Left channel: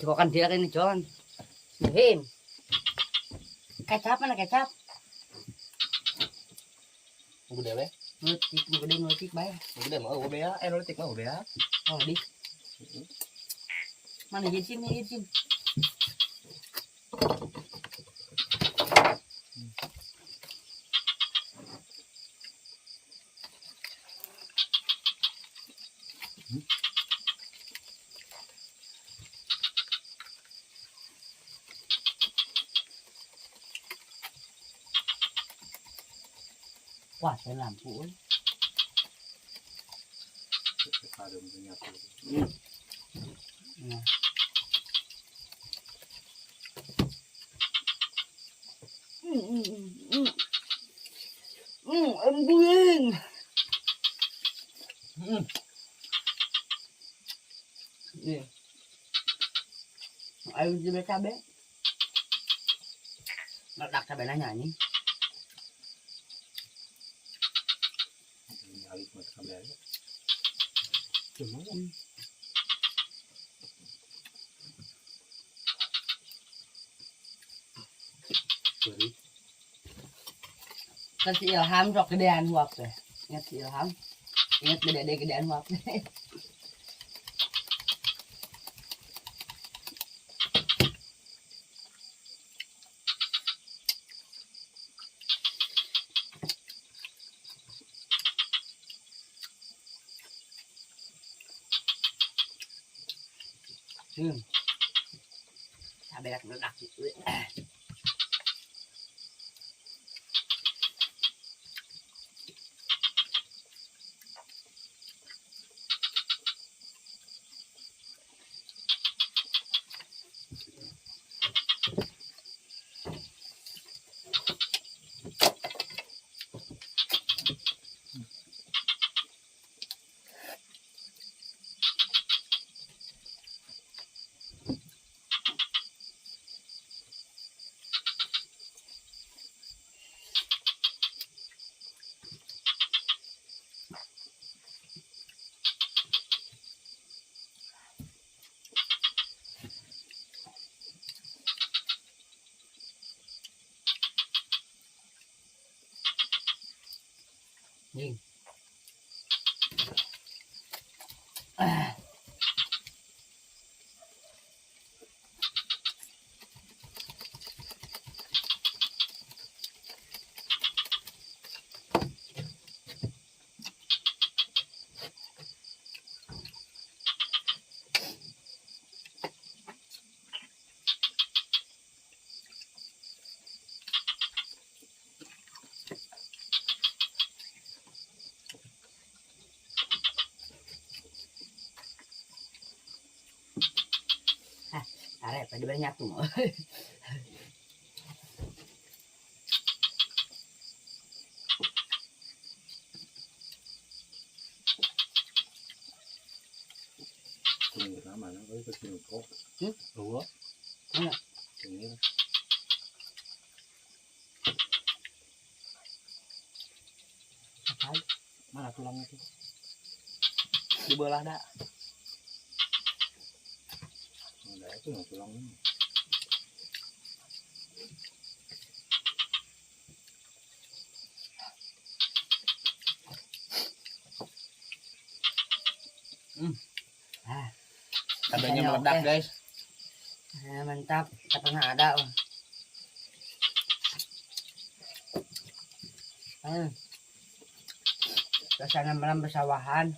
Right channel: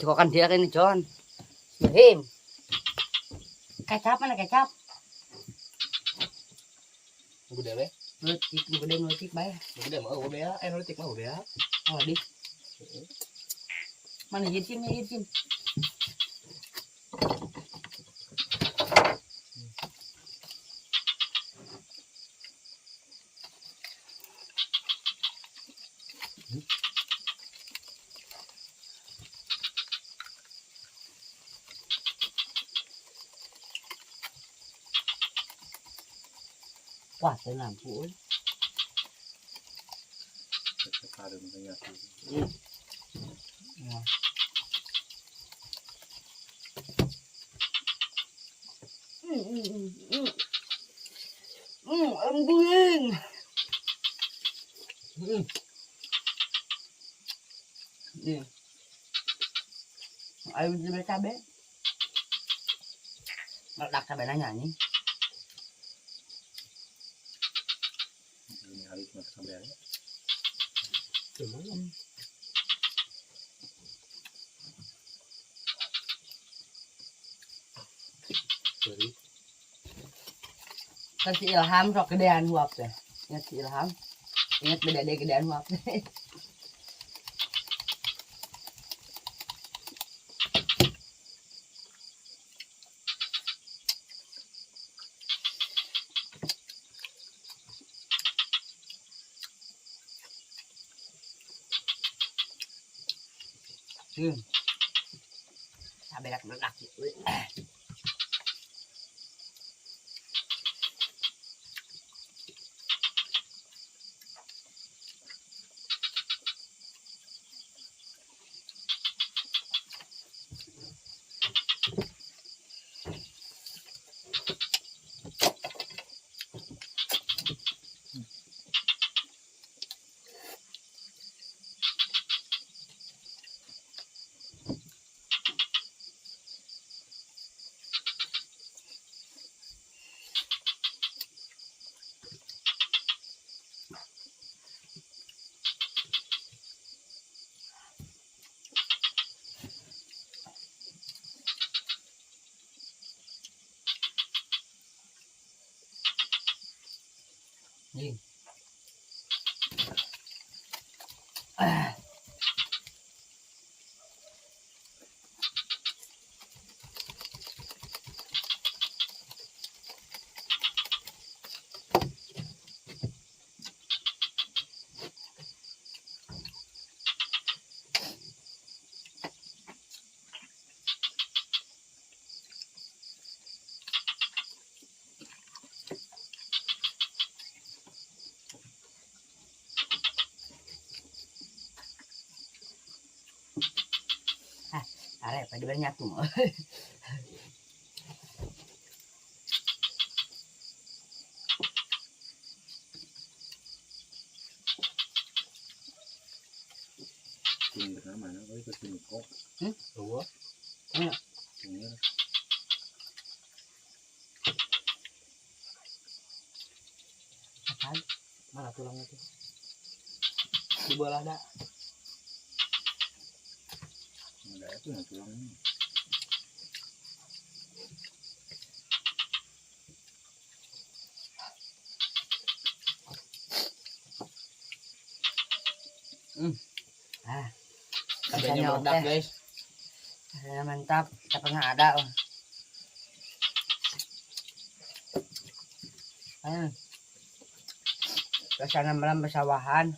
Cokokan dia ini John. Him. Kecap mana kecap? Gede le. Nutik gede nutik bae. Gede mau bea, nutik mau bea. Oh di. Mana hijin hijin. Wah, saya lampu. Kadang menyatu. Nah. Embuing. Nih. Ayo coba cabe. Meledak cabe nanya nih. Ini alis mata cabe aja. Cuma sorry. Kan si Ilham sok gedean huap teh. Ingat si Ilham. Ingat beda deh gedean huap teh. Cabe dak meledak gitu. Nih. Are pada banyak tuh. Ini kenapa mana? Gue ikut kok. Dua. Iya. Ini. Apaan? Mana tulangnya tuh? Di bola dak. Enggak itu yang tulangnya. Cabenya meledak guys. Mantap, kita pernah ada. Suasana malam bersawahan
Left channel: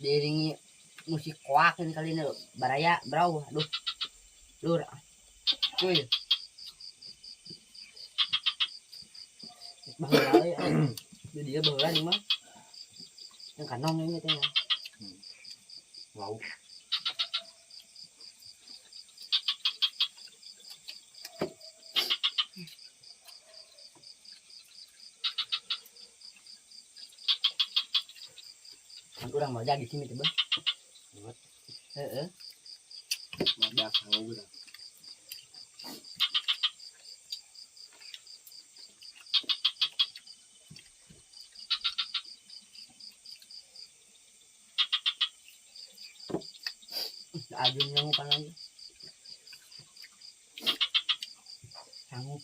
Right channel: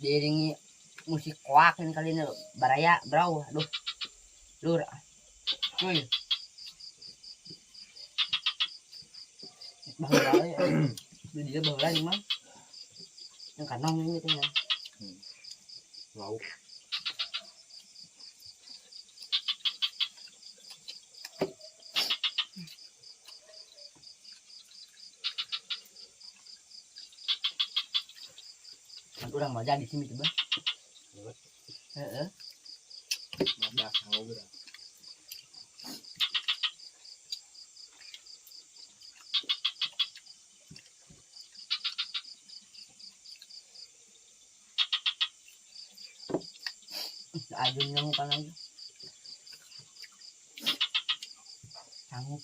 diiringi musik kuak ini kali ini baraya bro, aduh lur cuy bahula ya dia bahula nih mah yang kanong ini tuh ya Lauk. Orang mau jadi sini coba. Meledak mau udah. Ajun yang bukan lagi. Sanggup.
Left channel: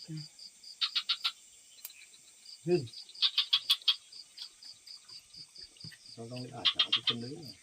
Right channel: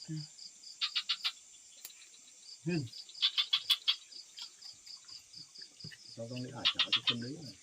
Sao không đi ải chả cái chân đấy này.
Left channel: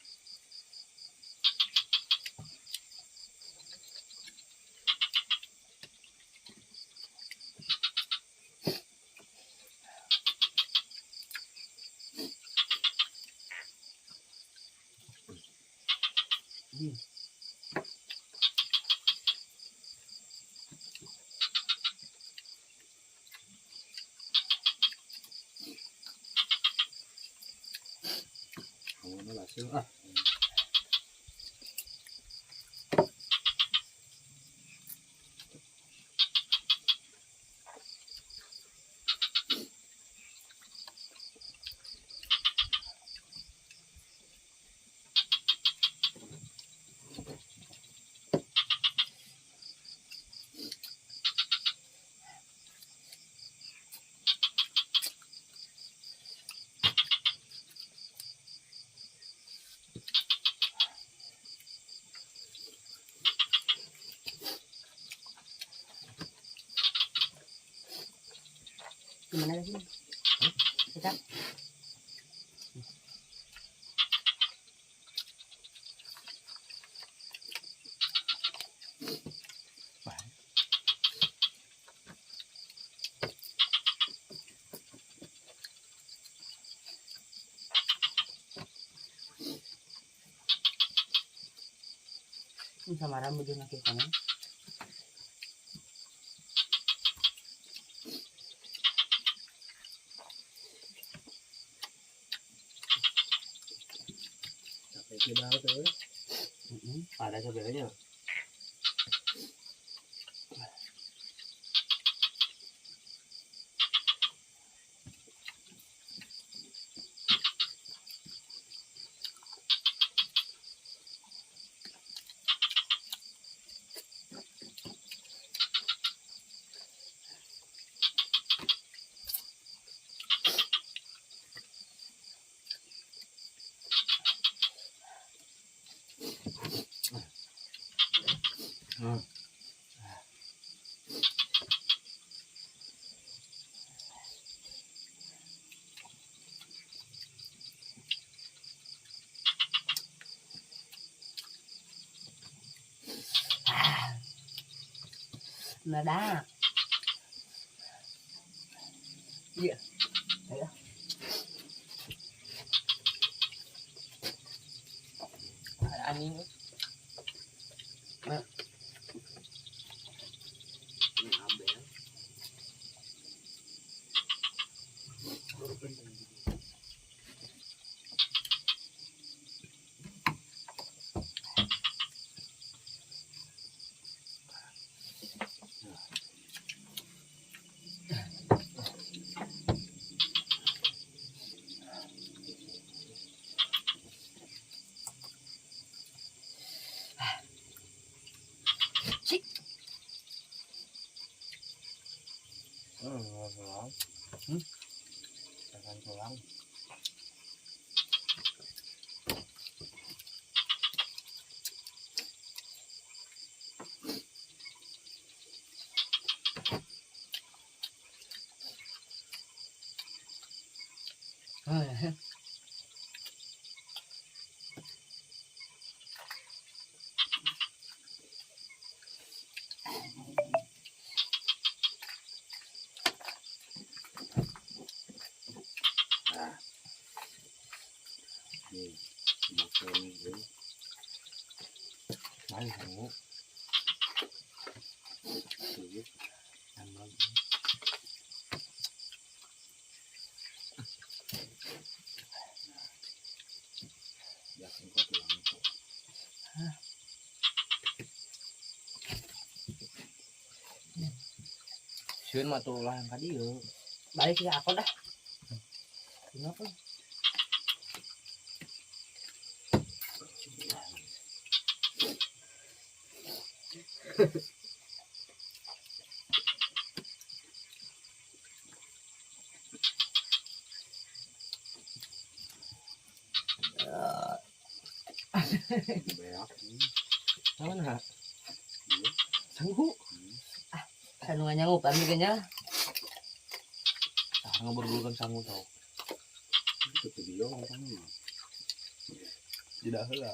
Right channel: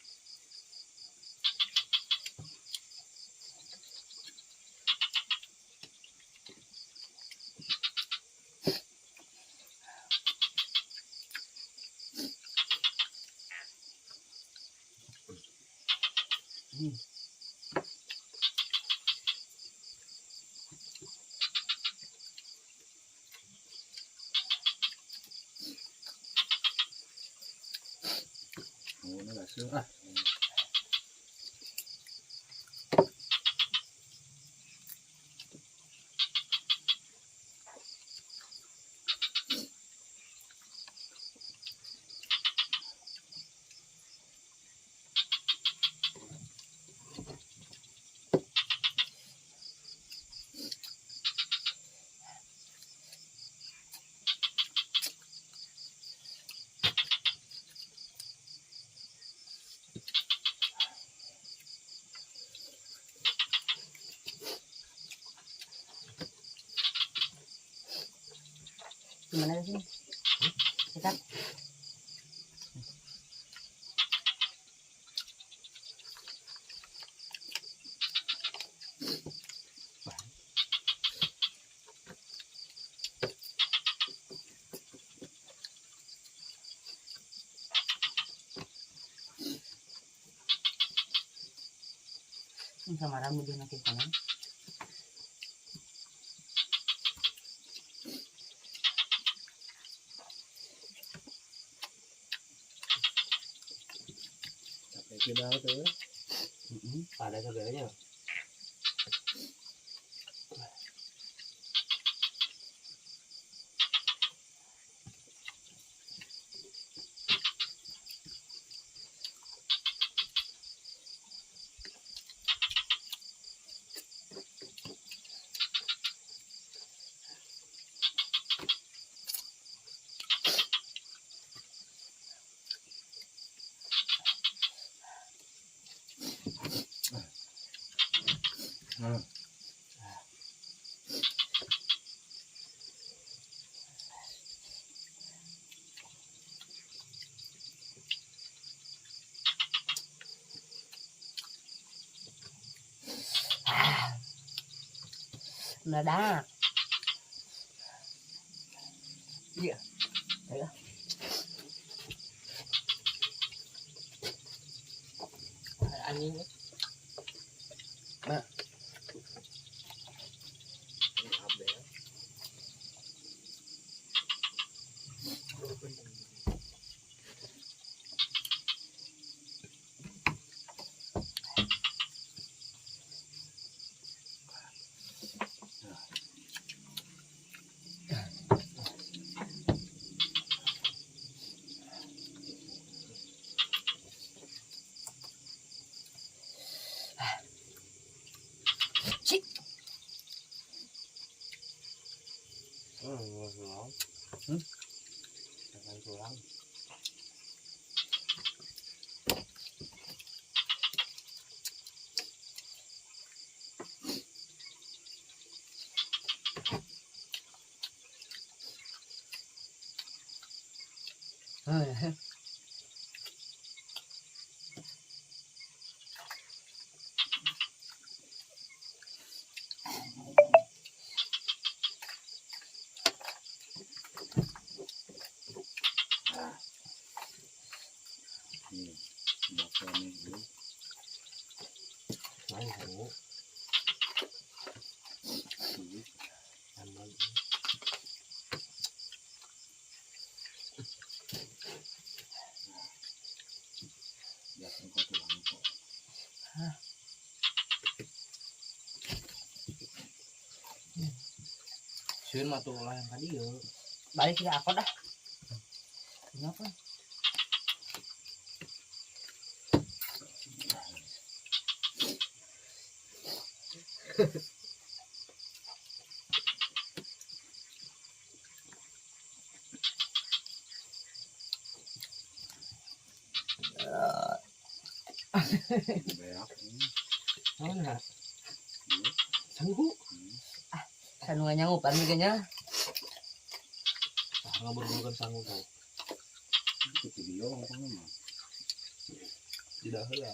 Nó là sữa à. Gimana sih? Dekat. Sama rambut dia nakit kanan. Sampai tidak tuh. Ada sebenarnya. Meledak. Iya. Ayo. Ada angin. Nah. Ini ambil. Pulang. Jangan pulang. Makan ini. Mấy hũ. Sedikit. Nambah. Jangan kau tulang kok. Sieun mah tulang ka dieu. Balik ke aku dah. Kenapa? Beak. Mana? Iya. Sanggup. Sanungan nyangup amiganya. Ngeberbulkan sangu tau. Itu video apa mah? Tidak heula.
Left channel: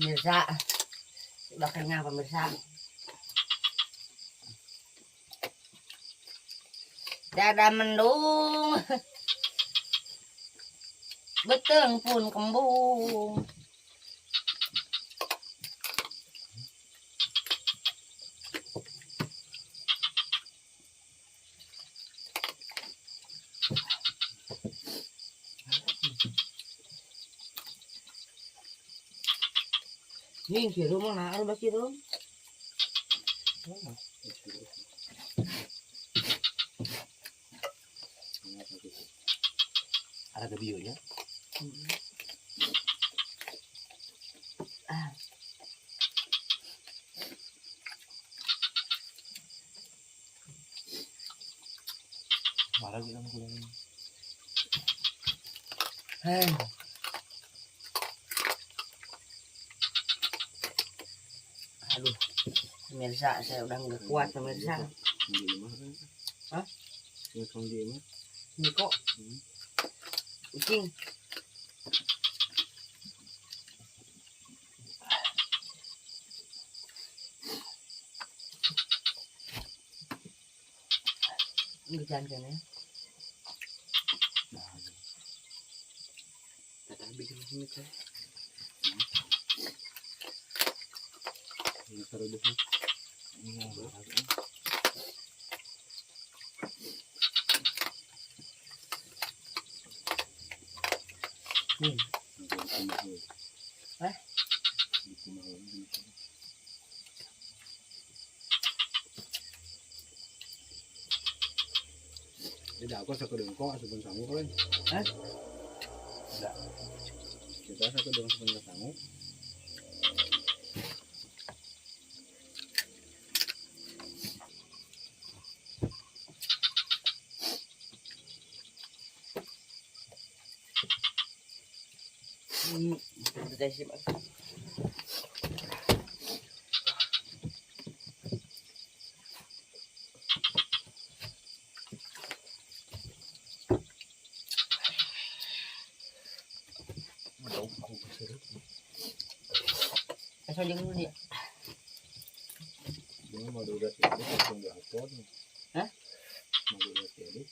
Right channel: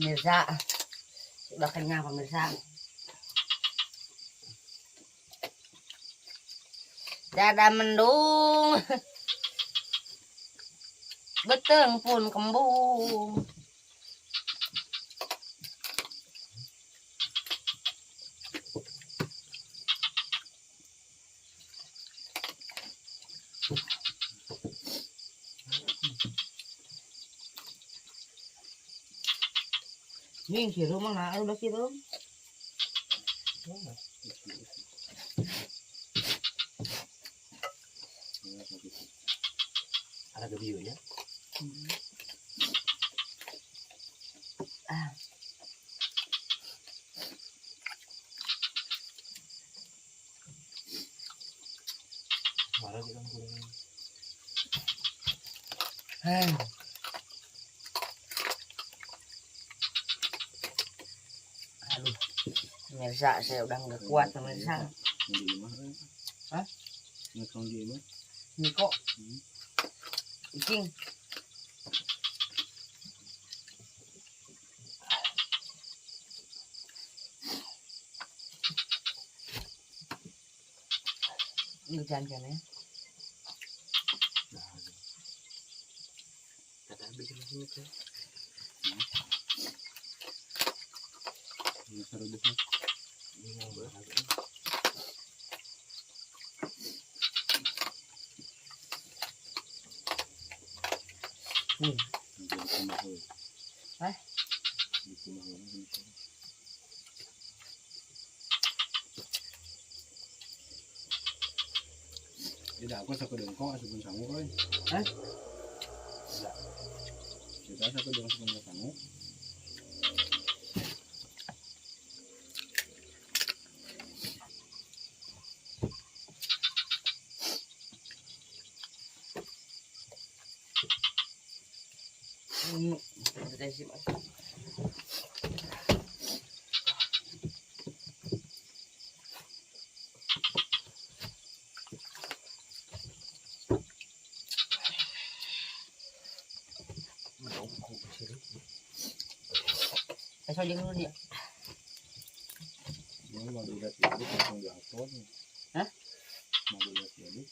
Mirsa. Udah kenyang pemirsa. Dada mendung. Beteng pun kembung. Nih si rumah nggak ada sih rum. Ada video ya. Ah, Marah kita kuliah. hei. Aduh, pemirsa saya udah nggak kuat pemirsa. Di imah. Hah? Yang kau di imah. Ini kok kucing. Ini jangan ya. Kata bikin sini kan. Yang taruh di sana. Ini yang berapa? Nih, Di imah. Hah? Di imah. Tidak aku satu dengkok sebelum sangu kan. Hah? Tidak. Kita satu dengkok sebelum sangu. Udah sih, Mas. Kasih aja dulu dia. Ini mau durat ini langsung diupload. Hah? Mau durat ini.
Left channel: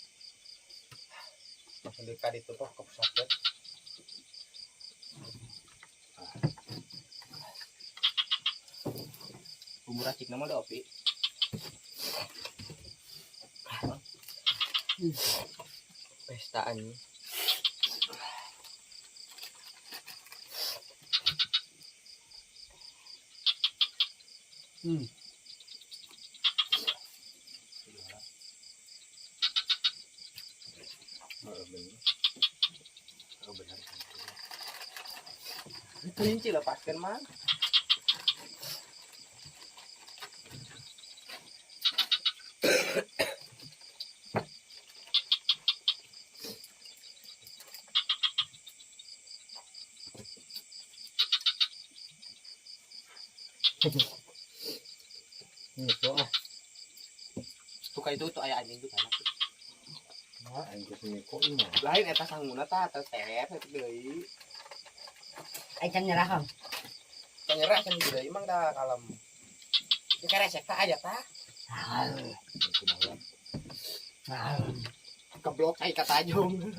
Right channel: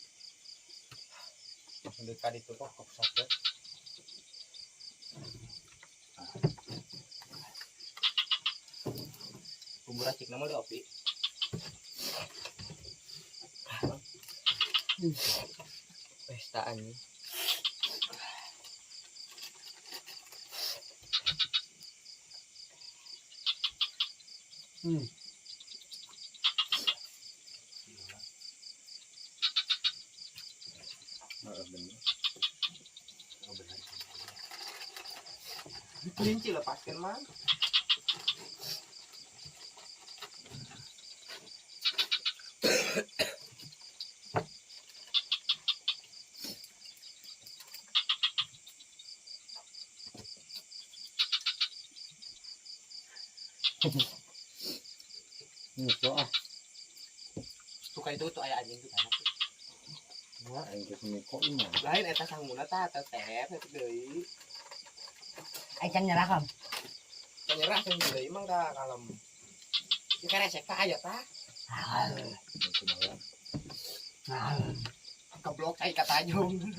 Langsung dikali itu toh ke pusat. Bumbu racik nama udah opi. Pestaan. Kelinci lepaskan mah. Doa. Suka itu tuh ayah anjing tuh anak. Wah, yang kesini kok ini. Lain eta sangguna tah teh eta deui. Acan nyerah kam. Penyerah kan deui emang dah kalem. Ya karesek tah aya tah. Nah, Keblok cai kata ajong.